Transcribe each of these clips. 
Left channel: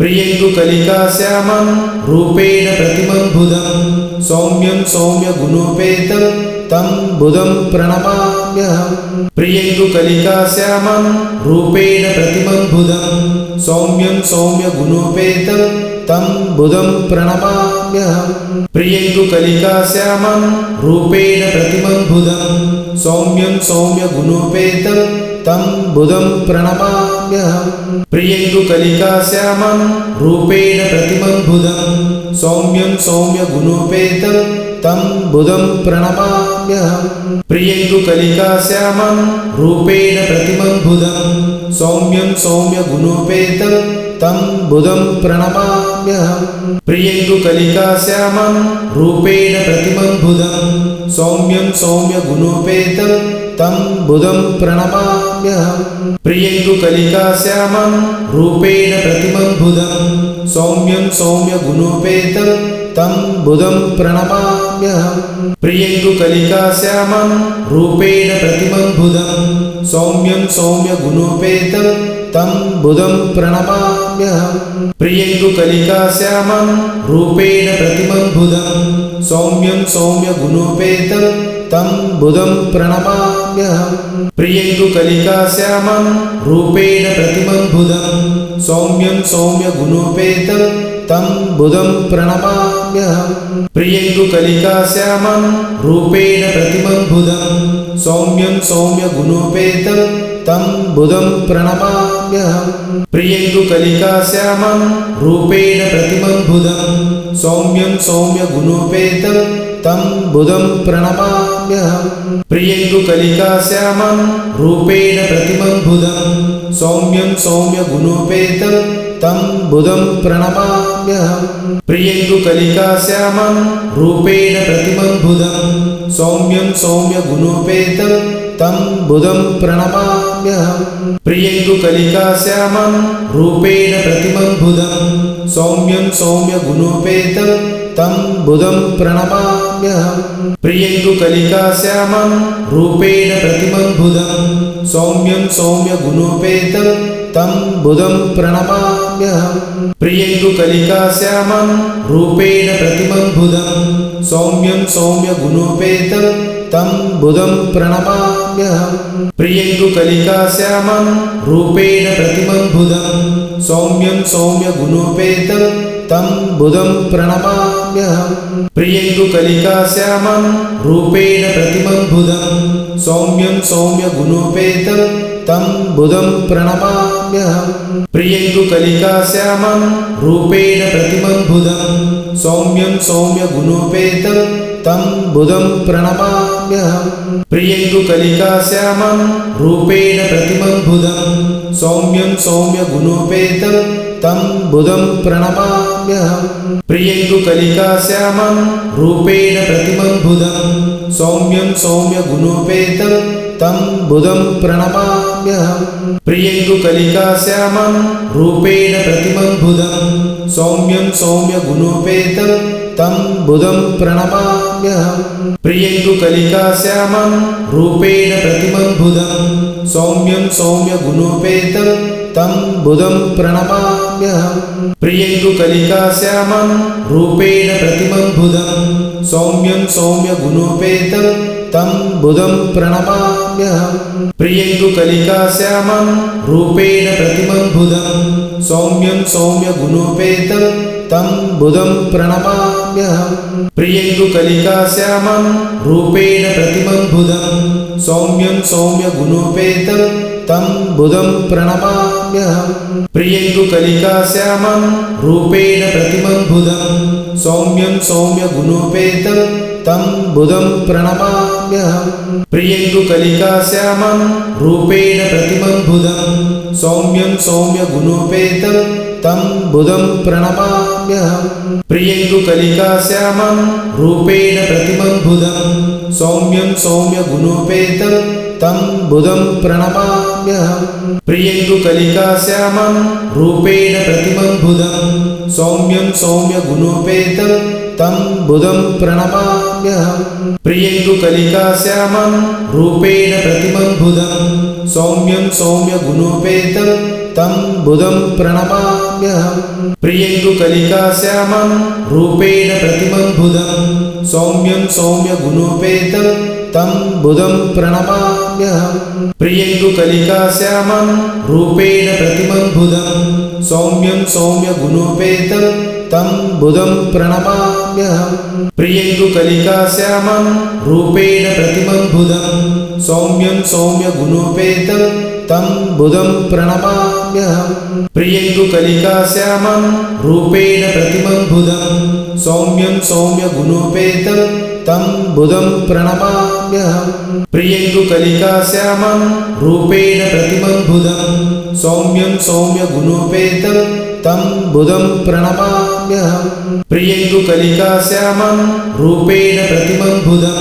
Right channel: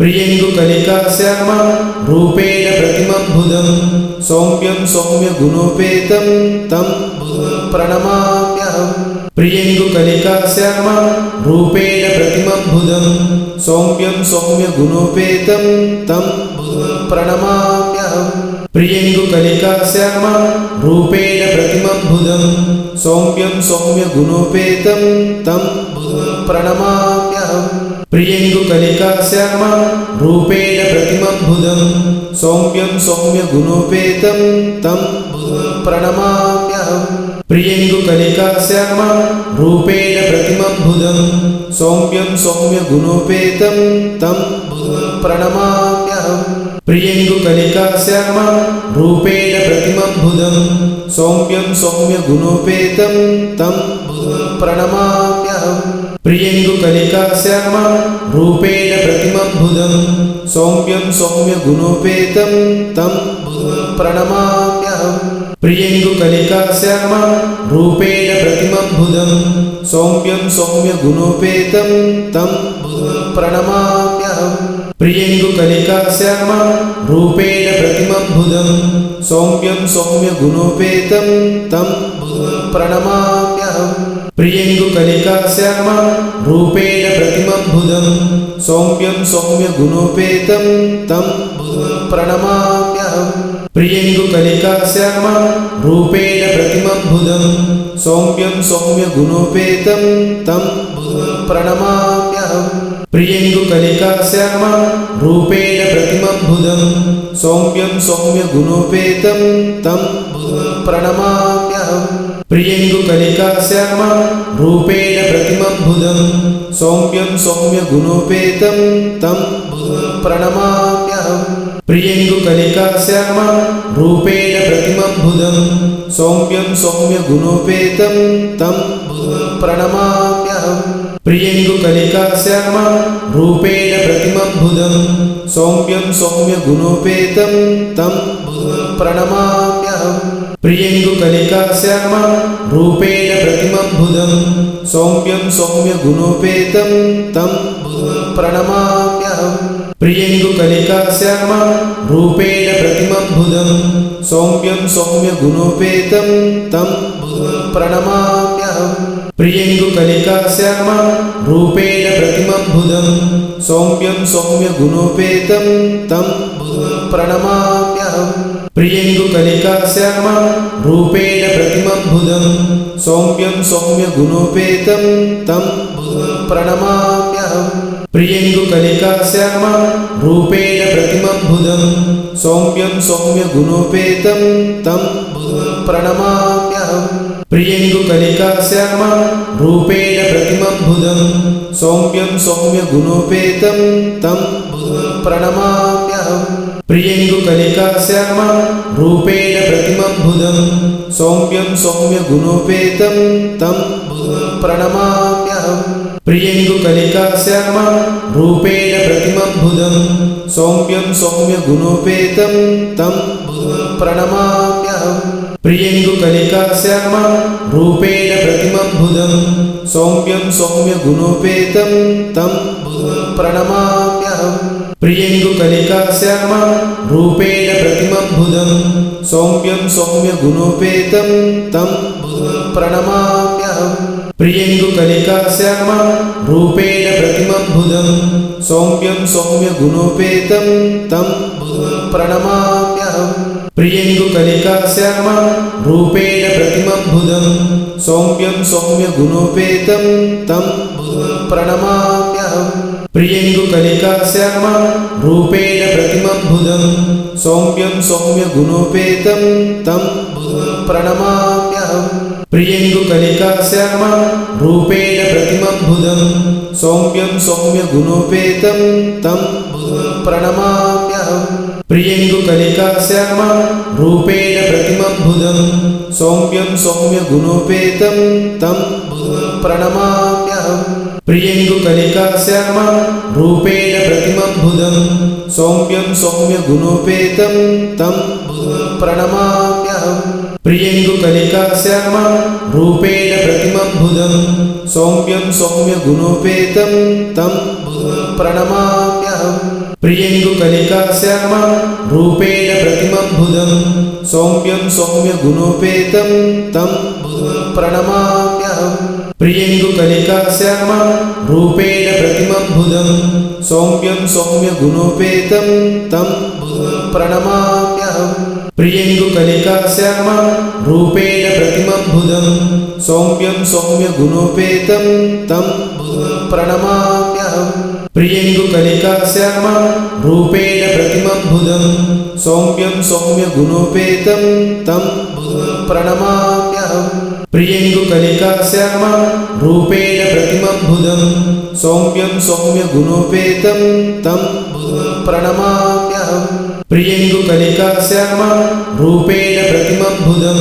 प्रियङ्गुकलिकाश्यामं रूपेण प्रतिमं बुधं सौम्यं सौम्यगुणोपेतं तं बुधं प्रणमाम्यहम् प्रियङ्गुकलिकाश्यामं रूपेण प्रतिमं बुधं सौम्यं सौम्यगुणोपेतं तं बुधं प्रणमाम्यहम् प्रियङ्गुकलिकाश्यामं रूपेण प्रतिमं बुधं सौम्यं सौम्यगुणोपेतं तं बुधं प्रणमाम्यहम् प्रियङ्गुकलिकाश्यामं रूपेण प्रतिमं बुधं सौम्यं सौम्यगुणोपेतं तं बुधं प्रणमाम्यहम् प्रियङ्गुकलिकाश्यामं रूपेण प्रतिमं बुधं सौम्यं सौम्यगुणोपेतं तं बुधं प्रणमाम्यहम् प्रियङ्गुकलिकाश्यामं रूपेण प्रतिमं बुधं सौम्यं सौम्यगुणोपेतं तं बुधं प्रणमाम्यहम् प्रियङ्गुकलिकाश्यामं रूपेण प्रतिमं बुधं सौम्यं सौम्यगुणोपेतं तं बुधं प्रणमाम्यहम् प्रियङ्गुकलिकाश्यामं रूपेण प्रतिमं बुधं सौम्यं सौम्यगुणोपेतं तं बुधं प्रणमाम्यहम् प्रियङ्गुकलिकाश्यामं रूपेण प्रतिमं बुधं सौम्यं सौम्यगुणोपेतं तं बुधं प्रणमाम्यहम् प्रियङ्गुकलिकाश्यामं रूपेण प्रतिमं बुधं सौम्यं सौम्यगुणोपेतं तं बुधं प्रणमाम्यहम् प्रियङ्गुकलिकाश्यामं रूपेण प्रतिमं बुधं सौम्यं सौम्यगुणोपेतं तं बुधं प्रणमाम्यहम् प्रियङ्गुकलिकाश्यामं रूपेण प्रतिमं बुधं सौम्यं सौम्यगुणोपेतं तं बुधं प्रणमाम्यहम् प्रियङ्गुकलिकाश्यामं रूपेण प्रतिमं बुधं सौम्यं सौम्यगुणोपेतं तं बुधं प्रणमाम्यहम् प्रियङ्गुकलिकाश्यामं रूपेण प्रतिमं बुधं सौम्यं सौम्यगुणोपेतं तं बुधं प्रणमाम्यहम् प्रियङ्गुकलिकाश्यामं रूपेण प्रतिमं बुधं सौम्यं सौम्यगुणोपेतं तं बुधं प्रणमाम्यहम् प्रियङ्गुकलिकाश्यामं रूपेण प्रतिमं बुधं सौम्यं सौम्यगुणोपेतं तं बुधं प्रणमाम्यहम् प्रियङ्गुकलिकाश्यामं रूपेण प्रतिमं बुधं सौम्यं सौम्यगुणोपेतं तं बुधं प्रणमाम्यहम् प्रियङ्गुकलिकाश्यामं रूपेण प्रतिमं बुधं सौम्यं सौम्यगुणोपेतं तं बुधं प्रणमाम्यहम् प्रियङ्गुकलिकाश्यामं रूपेण प्रतिमं बुधं सौम्यं सौम्यगुणोपेतं तं बुधं प्रणमाम्यहम् प्रियङ्गुकलिकाश्यामं रूपेण प्रतिमं बुधं सौम्यं सौम्यगुणोपेतं तं बुधं प्रणमाम्यहम् प्रियङ्गुकलिकाश्यामं रूपेण प्रतिमं बुधं सौम्यं सौम्यगुणोपेतं तं बुधं प्रणमाम्यहम् प्रियङ्गुकलिकाश्यामं रूपेण प्रतिमं बुधं सौम्यं सौम्यगुणोपेतं तं बुधं प्रणमाम्यहम् प्रियङ्गुकलिकाश्यामं रूपेण प्रतिमं बुधं सौम्यं सौम्यगुणोपेतं तं बुधं प्रणमाम्यहम् प्रियङ्गुकलिकाश्यामं रूपेण प्रतिमं बुधं सौम्यं सौम्यगुणोपेतं तं बुधं प्रणमाम्यहम् प्रियङ्गुकलिकाश्यामं रूपेण प्रतिमं बुधं सौम्यं सौम्यगुणोपेतं तं बुधं प्रणमाम्यहम् प्रियङ्गुकलिकाश्यामं रूपेण प्रतिमं बुधं सौम्यं सौम्यगुणोपेतं तं बुधं प्रणमाम्यहम् प्रियङ्गुकलिकाश्यामं रूपेण प्रतिमं बुधं सौम्यं सौम्यगुणोपेतं तं बुधं प्रणमाम्यहम् प्रियङ्गुकलिकाश्यामं रूपेण प्रतिमं बुधं सौम्यं सौम्यगुणोपेतं तं बुधं प्रणमाम्यहम् प्रियङ्गुकलिकाश्यामं रूपेण प्रतिमं बुधं सौम्यं सौम्यगुणोपेतं तं बुधं प्रणमाम्यहम् प्रियङ्गुकलिकाश्यामं रूपेण प्रतिमं बुधं सौम्यं सौम्यगुणोपेतं तं बुधं प्रणमाम्यहम् प्रियङ्गुकलिकाश्यामं रूपेण प्रतिमं बुधं सौम्यं सौम्यगुणोपेतं तं बुधं प्रणमाम्यहम् प्रियङ्गुकलिकाश्यामं रूपेण प्रतिमं बुधं सौम्यं सौम्यगुणोपेतं तं बुधं प्रणमाम्यहम् प्रियङ्गुकलिकाश्यामं रूपेण प्रतिमं बुधं सौम्यं सौम्यगुणोपेतं तं बुधं प्रणमाम्यहम् प्रियङ्गुकलिकाश्यामं रूपेण प्रतिमं बुधं सौम्यं सौम्यगुणोपेतं तं बुधं प्रणमाम्यहम् प्रियङ्गुकलिकाश्यामं रूपेण प्रतिमं बुधं सौम्यं सौम्यगुणोपेतं तं बुधं प्रणमाम्यहम् प्रियङ्गुकलिकाश्यामं रूपेण प्रतिमं बुधं सौम्यं सौम्यगुणोपेतं तं बुधं प्रणमाम्यहम् प्रियङ्गुकलिकाश्यामं रूपेण प्रतिमं बुधं सौम्यं सौम्यगुणोपेतं तं बुधं प्रणमाम्यहम् प्रियङ्गुकलिकाश्यामं रूपेण प्रतिमं बुधं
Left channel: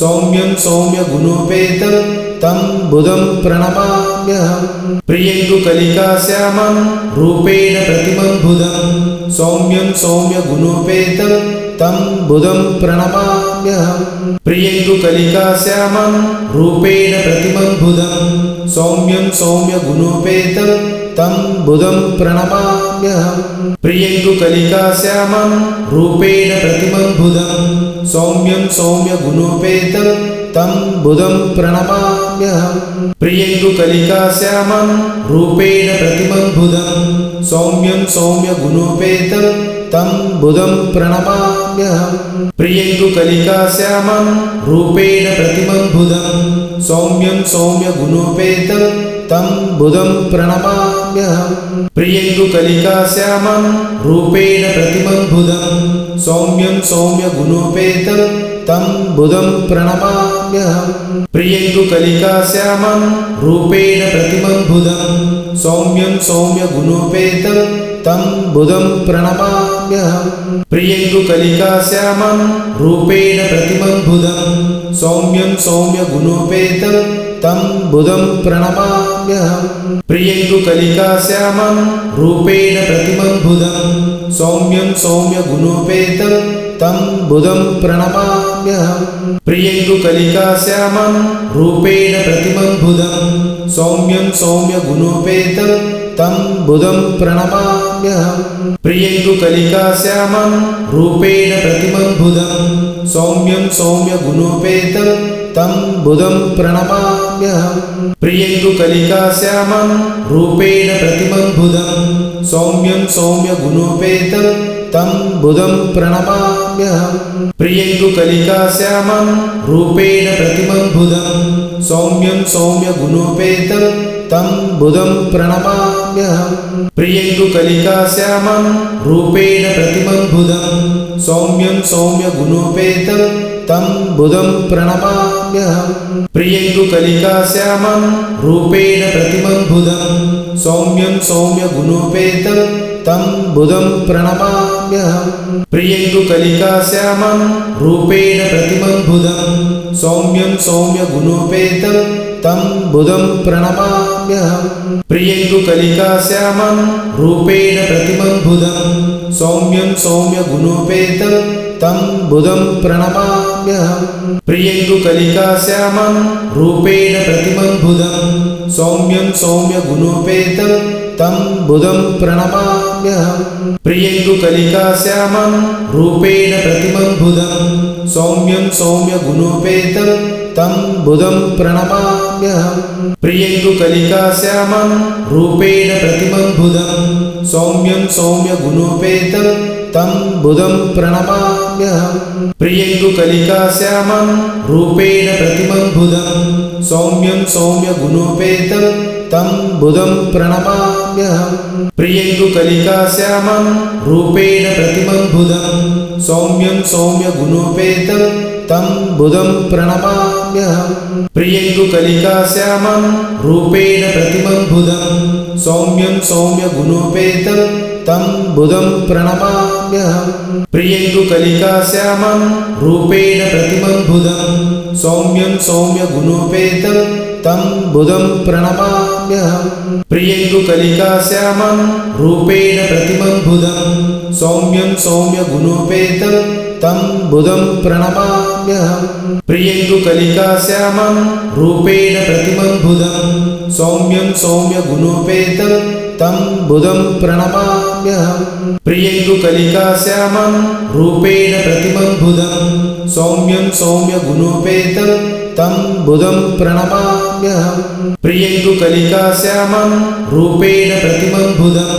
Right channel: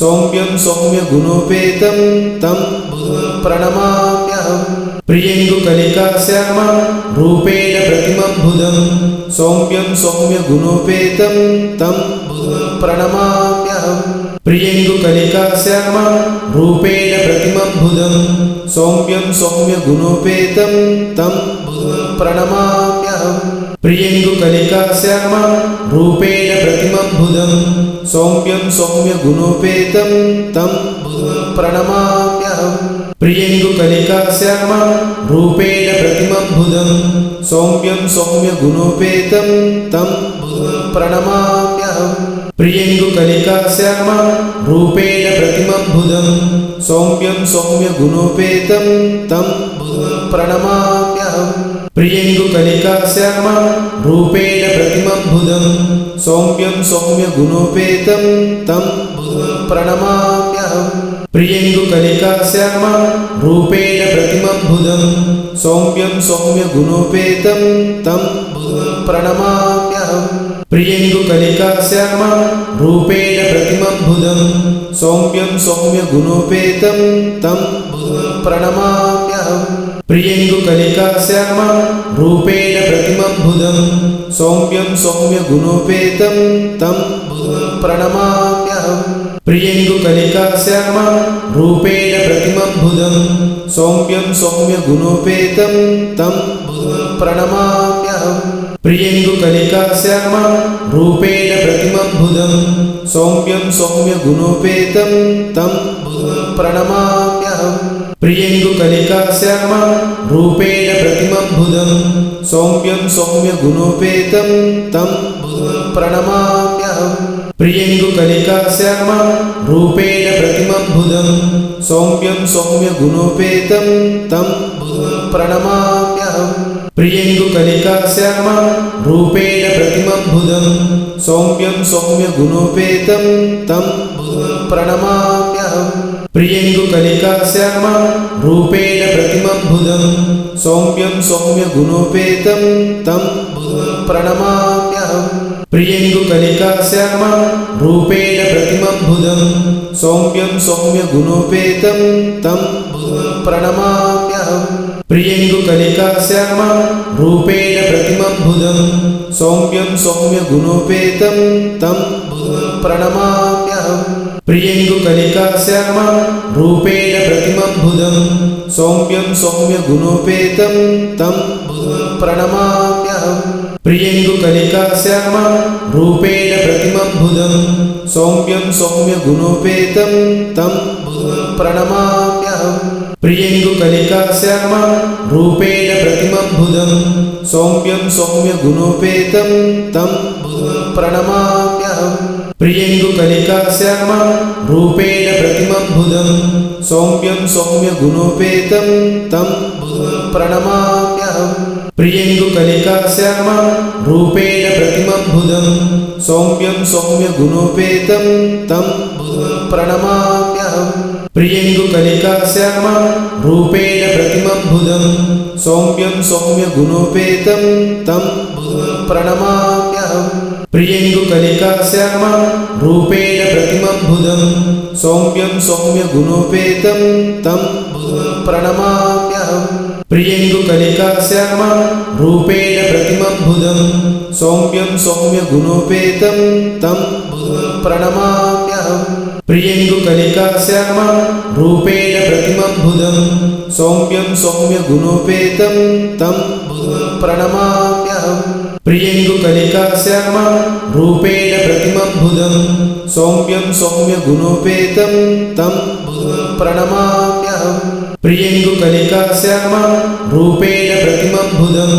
सौम्यं सौम्यगुणोपेतं तं बुधं प्रणमाम्यहम् प्रियङ्गुकलिकाश्यामं रूपेण प्रतिमं बुधं सौम्यं सौम्यगुणोपेतं तं बुधं प्रणमाम्यहम् प्रियङ्गुकलिकाश्यामं रूपेण प्रतिमं बुधं सौम्यं सौम्यगुणोपेतं तं बुधं प्रणमाम्यहम् प्रियङ्गुकलिकाश्यामं रूपेण प्रतिमं बुधं सौम्यं सौम्यगुणोपेतं तं बुधं प्रणमाम्यहम् प्रियङ्गुकलिकाश्यामं रूपेण प्रतिमं बुधं सौम्यं सौम्यगुणोपेतं तं बुधं प्रणमाम्यहम् प्रियङ्गुकलिकाश्यामं रूपेण प्रतिमं बुधं सौम्यं सौम्यगुणोपेतं तं बुधं प्रणमाम्यहम् प्रियङ्गुकलिकाश्यामं रूपेण प्रतिमं बुधं सौम्यं सौम्यगुणोपेतं तं बुधं प्रणमाम्यहम् प्रियङ्गुकलिकाश्यामं रूपेण प्रतिमं बुधं सौम्यं सौम्यगुणोपेतं तं बुधं प्रणमाम्यहम् प्रियङ्गुकलिकाश्यामं रूपेण प्रतिमं बुधं सौम्यं सौम्यगुणोपेतं तं बुधं प्रणमाम्यहम् प्रियङ्गुकलिकाश्यामं रूपेण प्रतिमं बुधं सौम्यं सौम्यगुणोपेतं तं बुधं प्रणमाम्यहम् प्रियङ्गुकलिकाश्यामं रूपेण प्रतिमं बुधं सौम्यं सौम्यगुणोपेतं तं बुधं प्रणमाम्यहम् प्रियङ्गुकलिकाश्यामं रूपेण प्रतिमं बुधं सौम्यं सौम्यगुणोपेतं तं बुधं प्रणमाम्यहम् प्रियङ्गुकलिकाश्यामं रूपेण प्रतिमं बुधं सौम्यं सौम्यगुणोपेतं तं बुधं प्रणमाम्यहम् प्रियङ्गुकलिकाश्यामं रूपेण प्रतिमं बुधं सौम्यं सौम्यगुणोपेतं तं बुधं प्रणमाम्यहम् प्रियङ्गुकलिकाश्यामं रूपेण प्रतिमं बुधं सौम्यं सौम्यगुणोपेतं तं बुधं प्रणमाम्यहम् प्रियङ्गुकलिकाश्यामं रूपेण प्रतिमं बुधं सौम्यं सौम्यगुणोपेतं तं बुधं प्रणमाम्यहम् प्रियङ्गुकलिकाश्यामं रूपेण प्रतिमं बुधं सौम्यं सौम्यगुणोपेतं तं बुधं प्रणमाम्यहम् प्रियङ्गुकलिकाश्यामं रूपेण प्रतिमं बुधं सौम्यं सौम्यगुणोपेतं तं बुधं प्रणमाम्यहम् प्रियङ्गुकलिकाश्यामं रूपेण प्रतिमं बुधं सौम्यं सौम्यगुणोपेतं तं बुधं प्रणमाम्यहम् प्रियङ्गुकलिकाश्यामं रूपेण प्रतिमं बुधं सौम्यं सौम्यगुणोपेतं तं बुधं प्रणमाम्यहम् प्रियङ्गुकलिकाश्यामं रूपेण प्रतिमं बुधं सौम्यं सौम्यगुणोपेतं तं बुधं प्रणमाम्यहम् प्रियङ्गुकलिकाश्यामं रूपेण प्रतिमं बुधं सौम्यं सौम्यगुणोपेतं तं बुधं प्रणमाम्यहम् प्रियङ्गुकलिकाश्यामं रूपेण प्रतिमं बुधं सौम्यं सौम्यगुणोपेतं तं बुधं प्रणमाम्यहम् प्रियङ्गुकलिकाश्यामं रूपेण प्रतिमं बुधं सौम्यं सौम्यगुणोपेतं तं बुधं प्रणमाम्यहम् प्रियङ्गुकलिकाश्यामं रूपेण प्रतिमं बुधं सौम्यं सौम्यगुणोपेतं तं बुधं प्रणमाम्यहम् प्रियङ्गुकलिकाश्यामं रूपेण प्रतिमं बुधं सौम्यं सौम्यगुणोपेतं तं बुधं प्रणमाम्यहम् प्रियङ्गुकलिकाश्यामं रूपेण प्रतिमं बुधं सौम्यं सौम्यगुणोपेतं तं बुधं प्रणमाम्यहम् प्रियङ्गुकलिकाश्यामं रूपेण प्रतिमं बुधं सौम्यं सौम्यगुणोपेतं तं बुधं प्रणमाम्यहम् प्रियङ्गुकलिकाश्यामं रूपेण प्रतिमं बुधं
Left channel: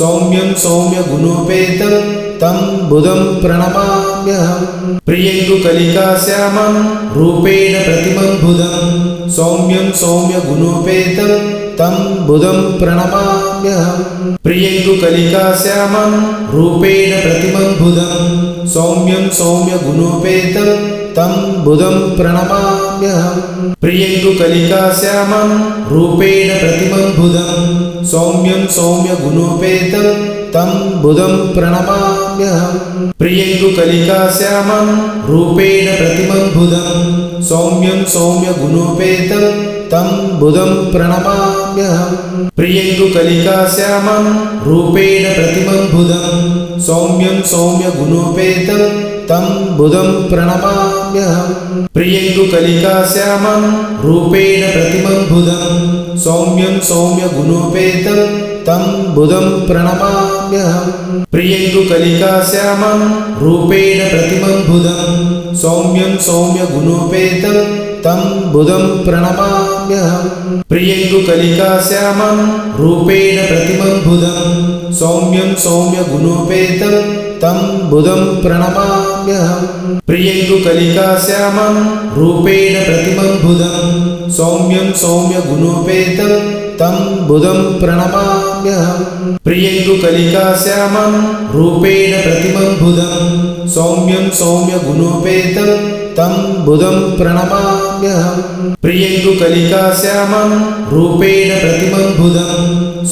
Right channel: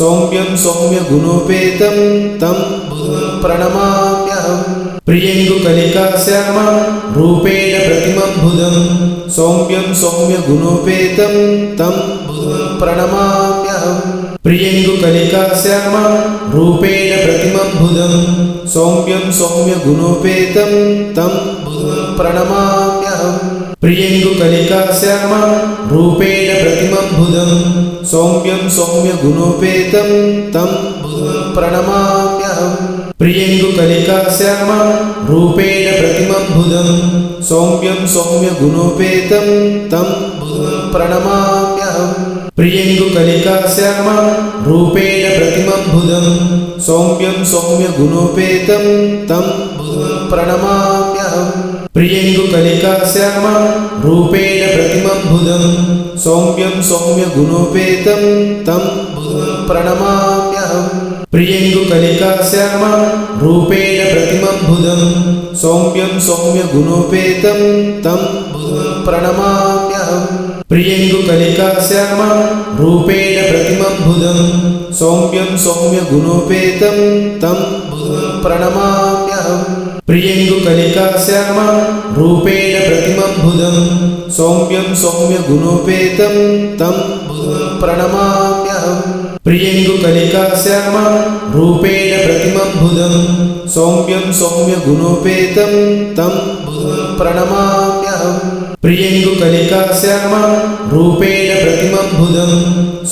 सौम्यं सौम्यगुणोपेतं तं बुधं प्रणमाम्यहम् प्रियङ्गुकलिकाश्यामं रूपेण प्रतिमं बुधं सौम्यं सौम्यगुणोपेतं तं बुधं प्रणमाम्यहम् प्रियङ्गुकलिकाश्यामं रूपेण प्रतिमं बुधं सौम्यं सौम्यगुणोपेतं तं बुधं प्रणमाम्यहम् प्रियङ्गुकलिकाश्यामं रूपेण प्रतिमं बुधं सौम्यं सौम्यगुणोपेतं तं बुधं प्रणमाम्यहम् प्रियङ्गुकलिकाश्यामं रूपेण प्रतिमं बुधं सौम्यं सौम्यगुणोपेतं तं बुधं प्रणमाम्यहम्। प्रियङ्गुकलिकाश्यामं रूपेण प्रतिमं बुधं सौम्यं सौम्यगुणोपेतं तं बुधं प्रणमाम्यहम्। प्रियङ्गुकलिकाश्यामं रूपेण प्रतिमं बुधं सौम्यं सौम्यगुणोपेतं तं बुधं प्रणमाम्यहम् प्रियङ्गुकलिकाश्यामं रूपेण प्रतिमं बुधं सौम्यं सौम्यगुणोपेतं तं बुधं प्रणमाम्यहम्। प्रियङ्गुकलिकाश्यामं रूपेण प्रतिमं बुधं सौम्यं सौम्यगुणोपेतं तं बुधं प्रणमाम्यहम् प्रियङ्गुकलिकाश्यामं रूपेण प्रतिमं बुधं सौम्यं सौम्यगुणोपेतं तं बुधं प्रणमाम्यहम् प्रियङ्गुकलिकाश्यामं रूपेण प्रतिमं बुधं सौम्यं सौम्यगुणोपेतं तं बुधं प्रणमाम्यहम् प्रियङ्गुकलिकाश्यामं रूपेण प्रतिमं बुधं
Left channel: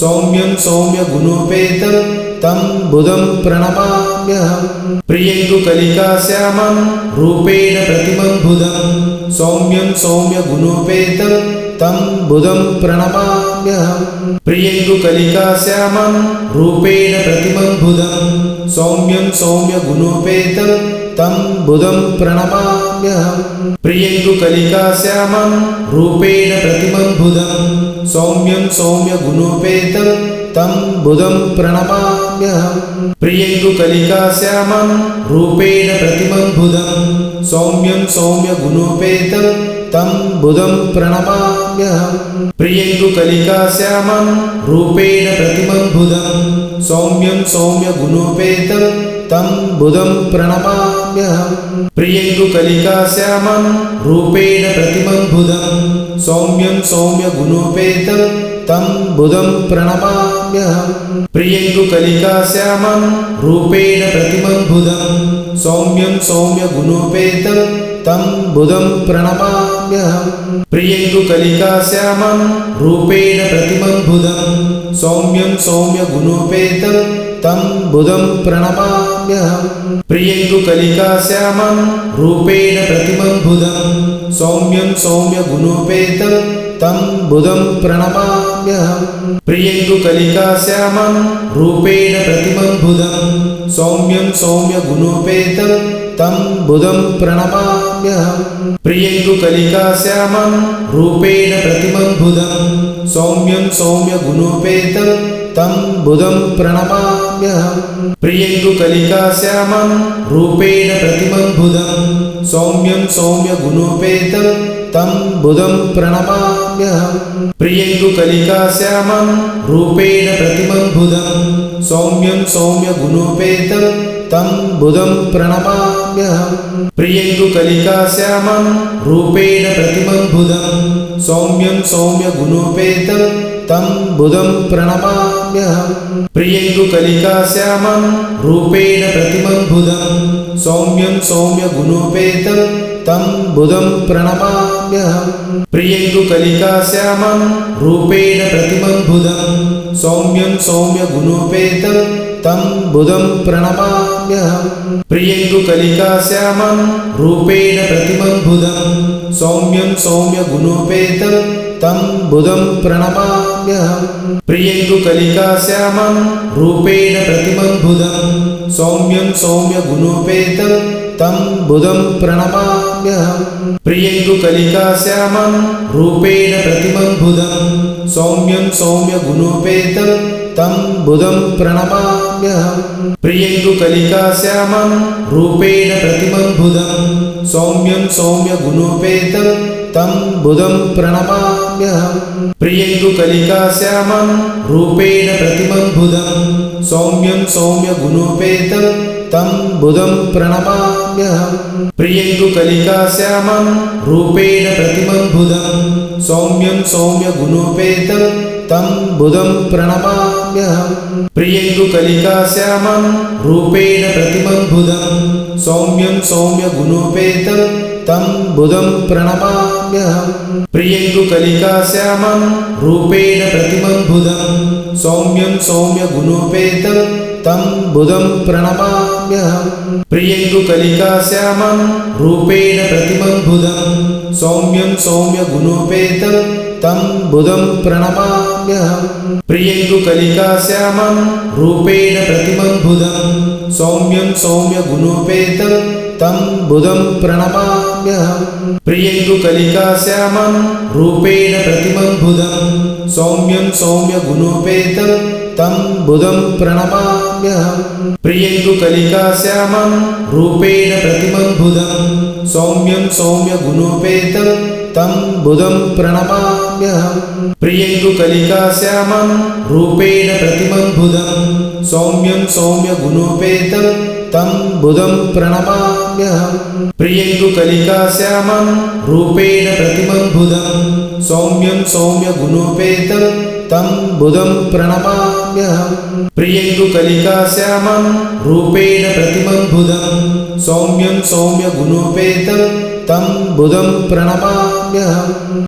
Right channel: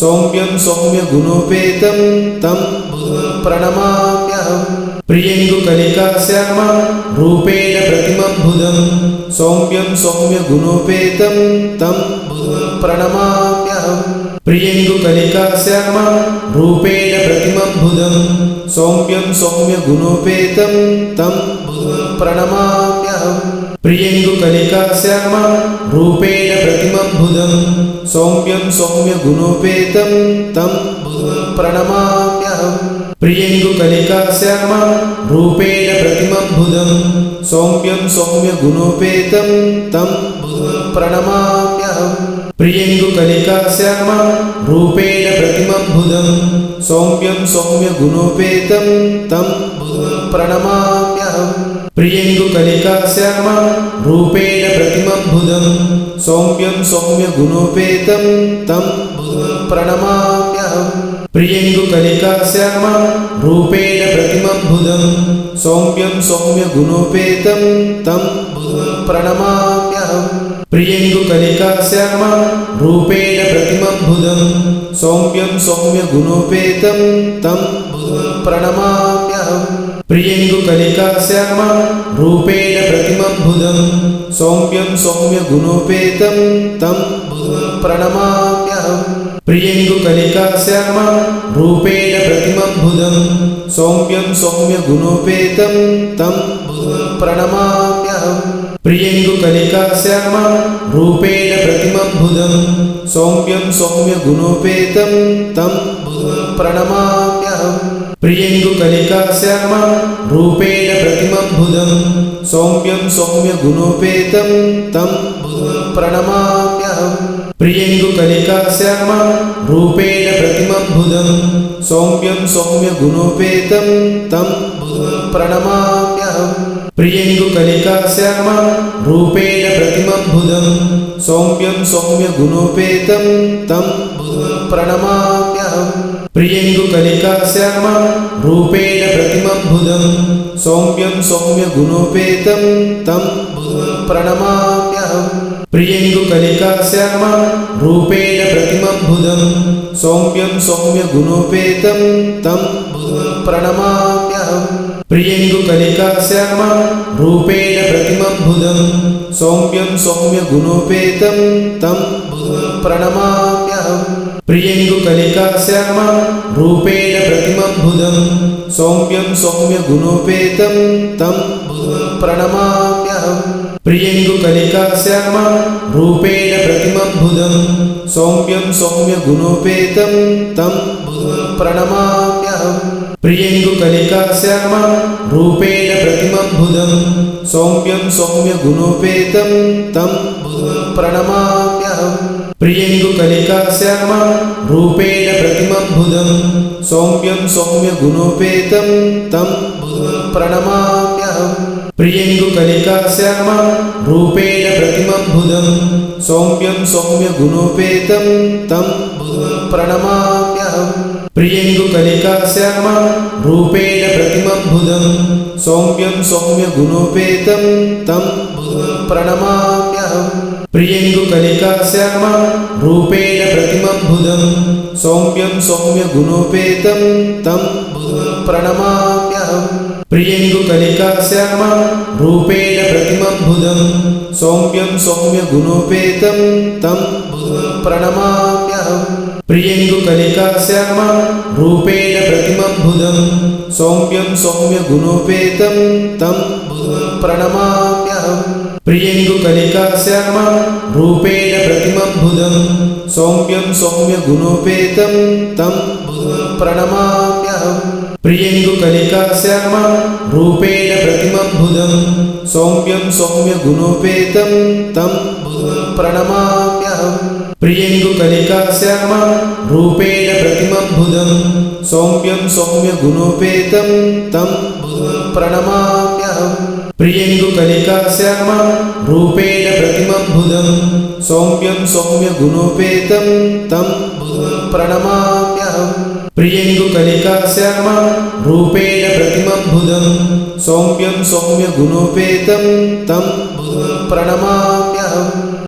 सौम्यं सौम्यगुणोपेतं तं बुधं प्रणमाम्यहम् प्रियङ्गुकलिकाश्यामं रूपेण प्रतिमं बुधं सौम्यं सौम्यगुणोपेतं तं बुधं प्रणमाम्यहम् प्रियङ्गुकलिकाश्यामं रूपेण प्रतिमं बुधं सौम्यं सौम्यगुणोपेतं तं बुधं प्रणमाम्यहम् प्रियङ्गुकलिकाश्यामं रूपेण प्रतिमं बुधं सौम्यं सौम्यगुणोपेतं तं बुधं प्रणमाम्यहम् प्रियङ्गुकलिकाश्यामं रूपेण प्रतिमं बुधं सौम्यं सौम्यगुणोपेतं तं बुधं प्रणमाम्यहम् प्रियङ्गुकलिकाश्यामं रूपेण प्रतिमं बुधं सौम्यं सौम्यगुणोपेतं तं बुधं प्रणमाम्यहम् प्रियङ्गुकलिकाश्यामं रूपेण प्रतिमं बुधं सौम्यं सौम्यगुणोपेतं तं बुधं प्रणमाम्यहम् प्रियङ्गुकलिकाश्यामं रूपेण प्रतिमं बुधं सौम्यं सौम्यगुणोपेतं तं बुधं प्रणमाम्यहम् प्रियङ्गुकलिकाश्यामं रूपेण प्रतिमं बुधं सौम्यं सौम्यगुणोपेतं तं बुधं प्रणमाम्यहम् प्रियङ्गुकलिकाश्यामं रूपेण प्रतिमं बुधं सौम्यं सौम्यगुणोपेतं तं बुधं प्रणमाम्यहम् प्रियङ्गुकलिकाश्यामं रूपेण प्रतिमं बुधं सौम्यं सौम्यगुणोपेतं तं बुधं प्रणमाम्यहम् प्रियङ्गुकलिकाश्यामं रूपेण प्रतिमं बुधं सौम्यं सौम्यगुणोपेतं तं बुधं प्रणमाम्यहम् प्रियङ्गुकलिकाश्यामं रूपेण प्रतिमं बुधं सौम्यं सौम्यगुणोपेतं तं बुधं प्रणमाम्यहम् प्रियङ्गुकलिकाश्यामं रूपेण प्रतिमं बुधं सौम्यं सौम्यगुणोपेतं तं बुधं प्रणमाम्यहम् प्रियङ्गुकलिकाश्यामं रूपेण प्रतिमं बुधं सौम्यं सौम्यगुणोपेतं तं बुधं प्रणमाम्यहम् प्रियङ्गुकलिकाश्यामं रूपेण प्रतिमं बुधं सौम्यं सौम्यगुणोपेतं तं बुधं प्रणमाम्यहम् प्रियङ्गुकलिकाश्यामं रूपेण प्रतिमं बुधं सौम्यं सौम्यगुणोपेतं तं बुधं प्रणमाम्यहम् प्रियङ्गुकलिकाश्यामं रूपेण प्रतिमं बुधं सौम्यं सौम्यगुणोपेतं तं बुधं प्रणमाम्यहम् प्रियङ्गुकलिकाश्यामं रूपेण प्रतिमं बुधं सौम्यं सौम्यगुणोपेतं तं बुधं प्रणमाम्यहम् प्रियङ्गुकलिकाश्यामं रूपेण प्रतिमं बुधं सौम्यं सौम्यगुणोपेतं तं बुधं प्रणमाम्यहम् प्रियङ्गुकलिकाश्यामं रूपेण प्रतिमं बुधं सौम्यं सौम्यगुणोपेतं तं बुधं प्रणमाम्यहम् प्रियङ्गुकलिकाश्यामं रूपेण प्रतिमं बुधं सौम्यं सौम्यगुणोपेतं तं बुधं प्रणमाम्यहम् प्रियङ्गुकलिकाश्यामं रूपेण प्रतिमं बुधं सौम्यं सौम्यगुणोपेतं तं बुधं प्रणमाम्यहम् प्रियङ्गुकलिकाश्यामं रूपेण प्रतिमं बुधं सौम्यं सौम्यगुणोपेतं तं बुधं प्रणमाम्यहम् प्रियङ्गुकलिकाश्यामं रूपेण प्रतिमं बुधं सौम्यं सौम्यगुणोपेतं तं बुधं प्रणमाम्यहम् प्रियङ्गुकलिकाश्यामं रूपेण प्रतिमं बुधं सौम्यं सौम्यगुणोपेतं तं बुधं प्रणमाम्यहम् प्रियङ्गुकलिकाश्यामं रूपेण प्रतिमं बुधं सौम्यं सौम्यगुणोपेतं तं बुधं प्रणमाम्यहम् प्रियङ्गुकलिकाश्यामं रूपेण प्रतिमं बुधं सौम्यं सौम्यगुणोपेतं तं बुधं प्रणमाम्यहम् प्रियङ्गुकलिकाश्यामं रूपेण प्रतिमं बुधं सौम्यं सौम्यगुणोपेतं तं बुधं प्रणमाम्यहम् प्रियङ्गुकलिकाश्यामं रूपेण प्रतिमं बुधं सौम्यं सौम्यगुणोपेतं तं बुधं प्रणमाम्यहम् प्रियङ्गुकलिकाश्यामं रूपेण प्रतिमं बुधं सौम्यं सौम्यगुणोपेतं तं बुधं प्रणमाम्यहम् प्रियङ्गुकलिकाश्यामं रूपेण प्रतिमं बुधं सौम्यं सौम्यगुणोपेतं तं बुधं प्रणमाम्यहम्